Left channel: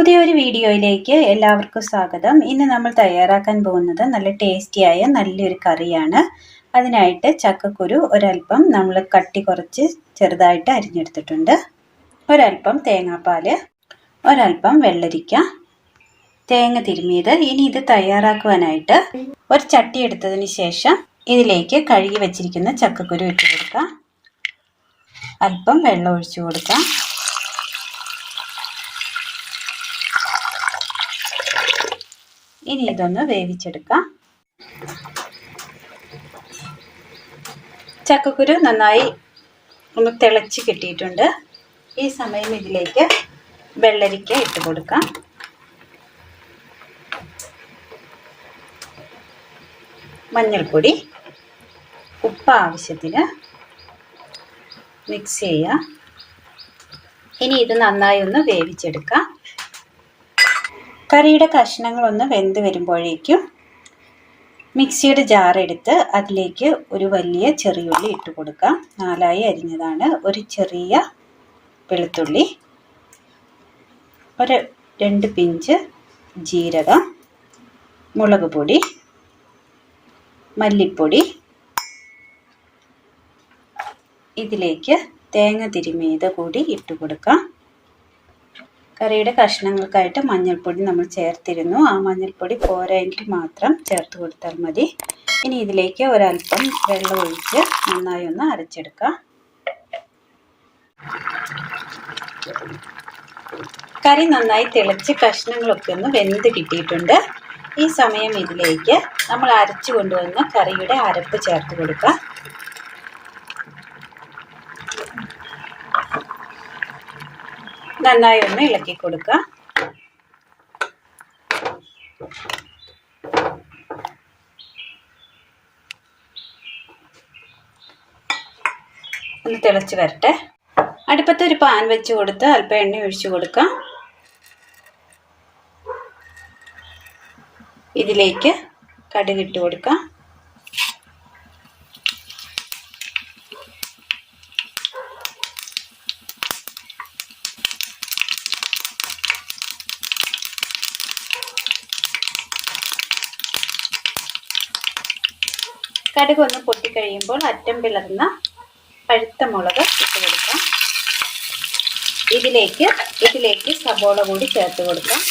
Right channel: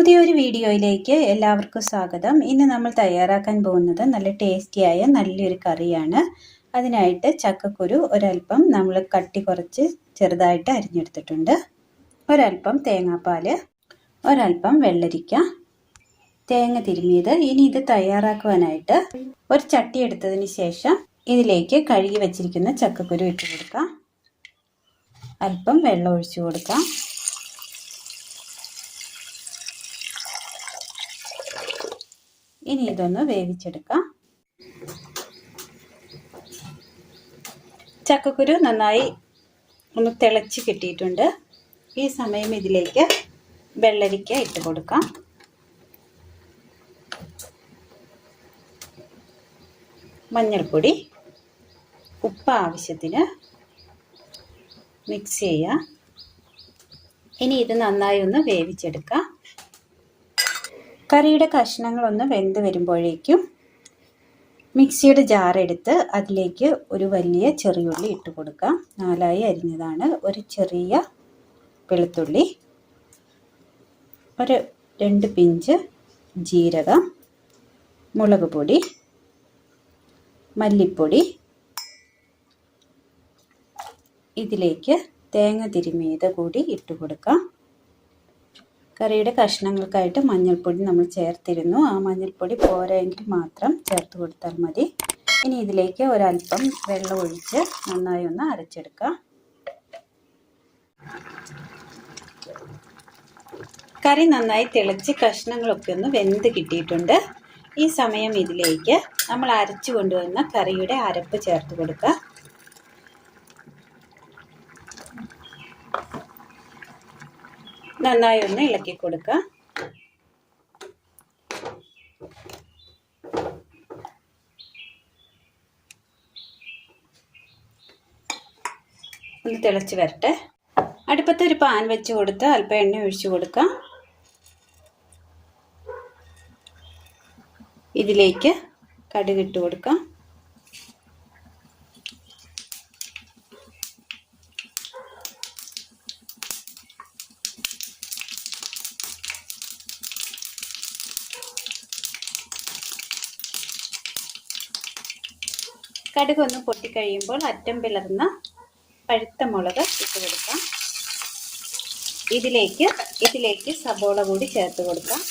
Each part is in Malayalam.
പുതിയൊരു വീഡിയോയിലേക്ക് എല്ലാവർക്കും സ്വാഗതം. ഇന്ന് നമ്മൾ തയ്യാറാക്കാൻ പോകുന്നത് നല്ല ടേസ്റ്റിയായ നല്ലൊരു കറിയാണ്. അതിനായിട്ട് ചക്കക്കുരു ഒരല്പം നമ്മൾ കട്ടി കുറച്ച് ചെറുതായിട്ട് അരിഞ്ഞെടുത്തിട്ടുണ്ട്. ഒരല്പം തേങ്ങാപ്പാൽ, ഒരല്പം വെള്ളരിക്ക, തേങ്ങ തിരുമിയത്. ഇനി ഇത് തയ്യാറാക്കുവാനായിട്ട് ഒരു ചട്ടി എടുത്തതിന് ശേഷം ഇതിലേക്ക് കഴുകി വെച്ചിരിക്കുന്ന ചക്കക്കുരു ഇട്ട് കൊടുക്കാം. അല്പം വെള്ളം ഒഴിച്ചു കൊടുക്കാം. ഇനി ഇതൊന്ന് വേവിച്ചെടുക്കാം. ചക്കക്കുരു നന്നായി ഒന്ന് തിളച്ച് കിട്ടിയിട്ടുണ്ട്. ഈ സമയം ഇതിലേക്ക് വെള്ളരിക്ക ഇട്ട് കൊടുക്കാം. മഞ്ഞൾപ്പൊടി, ഉപ്പ് ആവശ്യത്തിന് മിക്സ് ചെയ്യുക. ഇനി ഇത് നന്നായി ഒന്ന് വേവിച്ചെടുക്കാം. കറിയുടെ കഷ്ണങ്ങളൊന്ന് വെന്ത് വരുമ്പോഴേക്കും മിക്സിയുടെ ജാർ എടുത്ത് അതിലേക്ക് ഒരു വലിയ ചെറിയുള്ളി ഇട്ട് കൊടുക്കാം. 4 അരിഞ്ഞതാണ്. ഒരു ചെറിയ വെളുത്തുള്ളി, ഒരു 2 പിഞ്ച് ജീരകം, മുളക് പൊടി, മല്ലിപ്പൊടി, ഇതിലേക്ക് തേങ്ങ തിരുമിയത് കൂടി ഇട്ട് കൊടുക്കാം. കറിയുടെ കഷ്ണങ്ങൾക്കായിട്ട് മഞ്ഞൾപ്പൊടി നമ്മൾ ചേർത്തിരുന്നു. ആ മഞ്ഞൾപ്പൊടി പോരായെങ്കിൽ മാത്രം ചേർത്ത് കൊടുത്താൽ മതി. ഇനി ഇതിലേക്ക് ഒരല്പം വെള്ളം ഒഴിച്ച് നന്നായി ഒന്ന് അരച്ചെടുക്കാം. കറി നന്നായി തിളച്ച് കഷ്ണങ്ങളൊക്കെ ഒന്ന് വെന്ത് കിട്ടിയിട്ടുണ്ട്. ഈ സമയം ഇതിലേക്ക് നമ്മൾ അരച്ചു കൊണ്ടുവന്ന കറിയുടെ അരപ്പ് ചേർത്ത് കൊടുക്കാം. നന്നായി ഒന്ന് ഇളക്കി കൊടുക്കുക. ഒന്ന് തിളച്ച് വരട്ടെ. അടുപ്പത്ത് ഒരു പാൻ വെച്ച് കൊടുത്ത് അല്പം എണ്ണ ഒഴിച്ചു കൊടുക്കാം. ഇതിലേക്ക് കടുക് ഇട്ട് കൊടുക്കാം. കടുക് ഒന്ന് പൊട്ടിക്കഴിയുമ്പോൾ അറ്റം പിളർന്ന പഴുത്ത മുളക് ഇട്ട് കൊടുക്കാം. ഇതിലേക്ക് സബോള കൂടി ചേർത്ത് കൊടുക്കാം.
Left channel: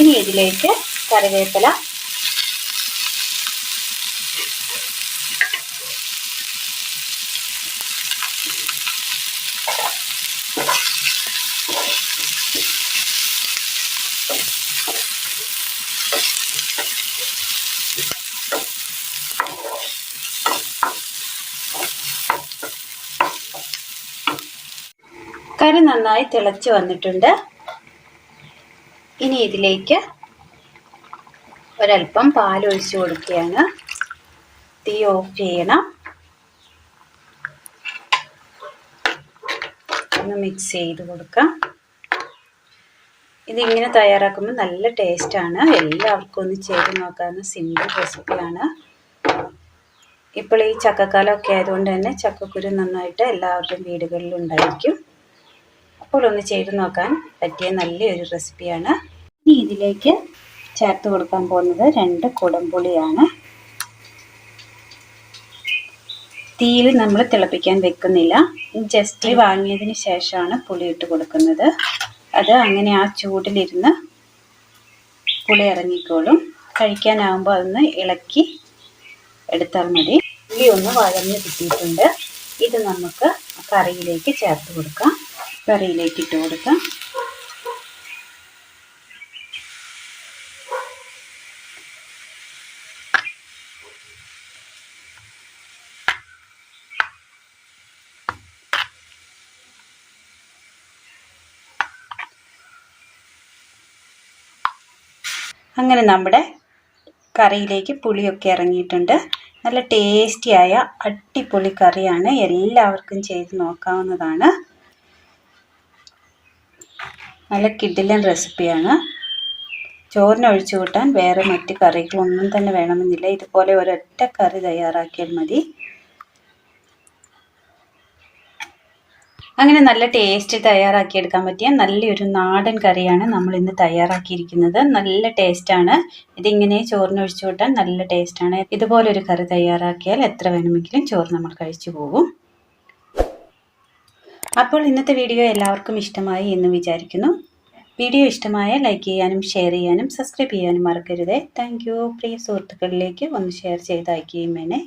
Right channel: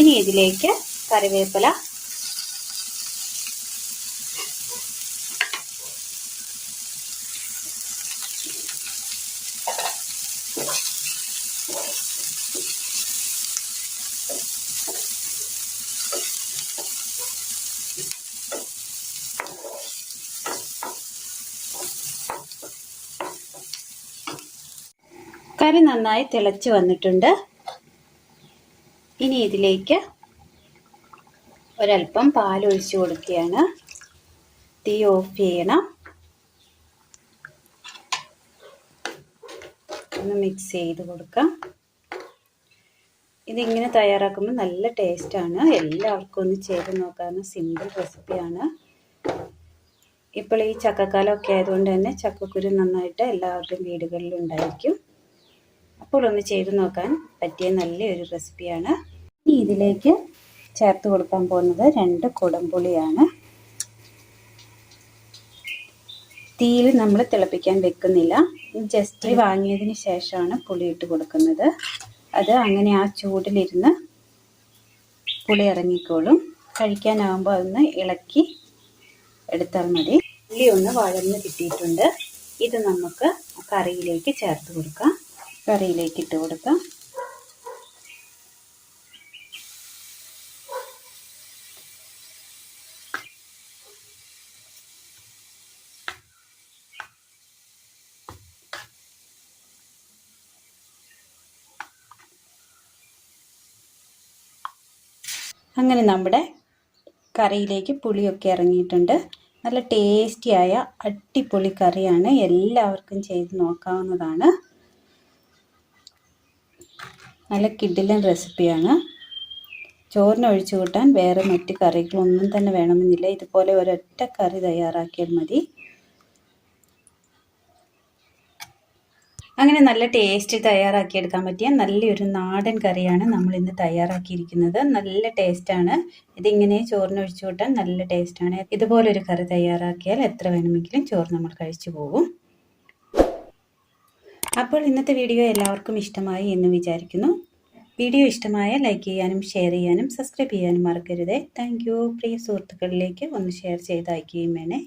ഇനി ഇതിലേക്ക് കറിവേപ്പില, കറി നന്നായി തിളച്ച് വന്നിട്ടുണ്ട്. ഇനി ഇതിലേക്ക് ഒരല്പം പാൽ ഒഴിച്ചു കൊടുക്കുകയാണ്. തീ ഓഫ് ചെയ്യണം. ഒന്ന് മിക്സ് ചെയ്ത് കൊടുക്കാം. ഇതിങ്ങനെ തയ്യാറാക്കുമ്പോൾ നല്ല ടേസ്റ്റാണ്. എല്ലാവർക്കും ഒന്ന് ചെയ്ത് നോക്കാവുന്ന സിമ്പിൾ റെസിപ്പിയാണ്. ഇപ്പോൾ ഈ ചക്കക്കാലമൊക്കെ ആയതുകൊണ്ട് തന്നെ ചക്കക്കുരു നന്നായിട്ട് എല്ലാവരുടെയും വീടുകളിലും ഉണ്ടായിരിക്കും. അപ്പോൾ ഒന്ന് ചെയ്ത് നോക്കാൻ പറ്റിയ നല്ലൊരു റെസിപ്പിയാണ്. ഇനി ഇതിലേക്ക് ചേർത്ത് കൊടുക്കാൻ പോകുന്നത് 2 കുടംപുളിയാണ്. തീയിൽ നമ്മൾ തിളപ്പിക്കാൻ വെക്കുന്നില്ല. ജസ്റ്റ് വാങ്ങിയതിന് ശേഷമാണ് പുളി ഇട്ട് കൊടുക്കുന്നത്. അത് അങ്ങനെ ആ ചൂടിലിരുന്ന് പുളി ഇറങ്ങിക്കോളും. കഴിക്കാനാകുമ്പോൾ അതൊന്ന് ഇളക്കി എടുത്താൽ മതി. പുളി ഒന്ന് വഴഞ്ഞ് കിട്ടിയിട്ടുണ്ട്. ഇത് നമുക്ക് കറിയിലേക്ക് ചേർത്ത് കൊടുക്കാം. കറിയിലേക്ക് ഇട്ട് കൊടുക്കാം. അങ്ങനെ നമ്മുടെ കറിയിലേക്ക് പുളിയൊക്കെ ഇറങ്ങിയിട്ടുണ്ട്. നല്ല ടേസ്റ്റിയായ അടിപൊളി കറിയാണ്. എല്ലാവർക്കും ചെയ്ത് നോക്കാവുന്നതാണ്. നല്ല കിടിലൻ റെസിപ്പിയാണ്. ചോറിന് ഒഴിച്ചു കൂട്ടാൻ വേറെ മറ്റ് കറികളൊന്നും തന്നെ വേണമെന്നില്ല. ഇതുപോലെ ഒരൊറ്റ കറി തയ്യാറാക്കിയാൽ മതി. അങ്ങനെ നല്ല ടേസ്റ്റ് തയ്യാറാക്കിയെടുക്കാൻ പറ്റിയ നല്ലൊരു നാടൻ കറിയാണ് നമ്മൾ ഇന്ന് തയ്യാറാക്കിയിരിക്കുന്നത്. നല്ല ടേസ്റ്റാണ്. ഇതിങ്ങനെ ചോറിന് ഒഴിച്ചു കൂട്ടാൻ നല്ല ടേസ്റ്റാണ്. ഇതുപോലൊരു കറി തയ്യാറാക്കിയാൽ എത്ര വേണമെങ്കിലും ചോറ് നമ്മൾ കഴിച്ചു പോകും. അപ്പോൾ ഇന്നത്തെ വീഡിയോ എല്ലാവർക്കും ഇഷ്ടമായി എന്ന് വിചാരിക്കുന്നു. വീഡിയോ ഇഷ്ടമായാൽ ലൈക്ക് ചെയ്യാനും ഷെയർ ചെയ്യാനും സബ്സ്ക്രൈബ് ചെയ്യാനും മറക്കരുത്. Thank you. പ്രിയ സുഹൃത്തുക്കളിലേക്ക് ഒന്ന് ഷെയർ ചെയ്ത് അയക്കുകയും വേണേ.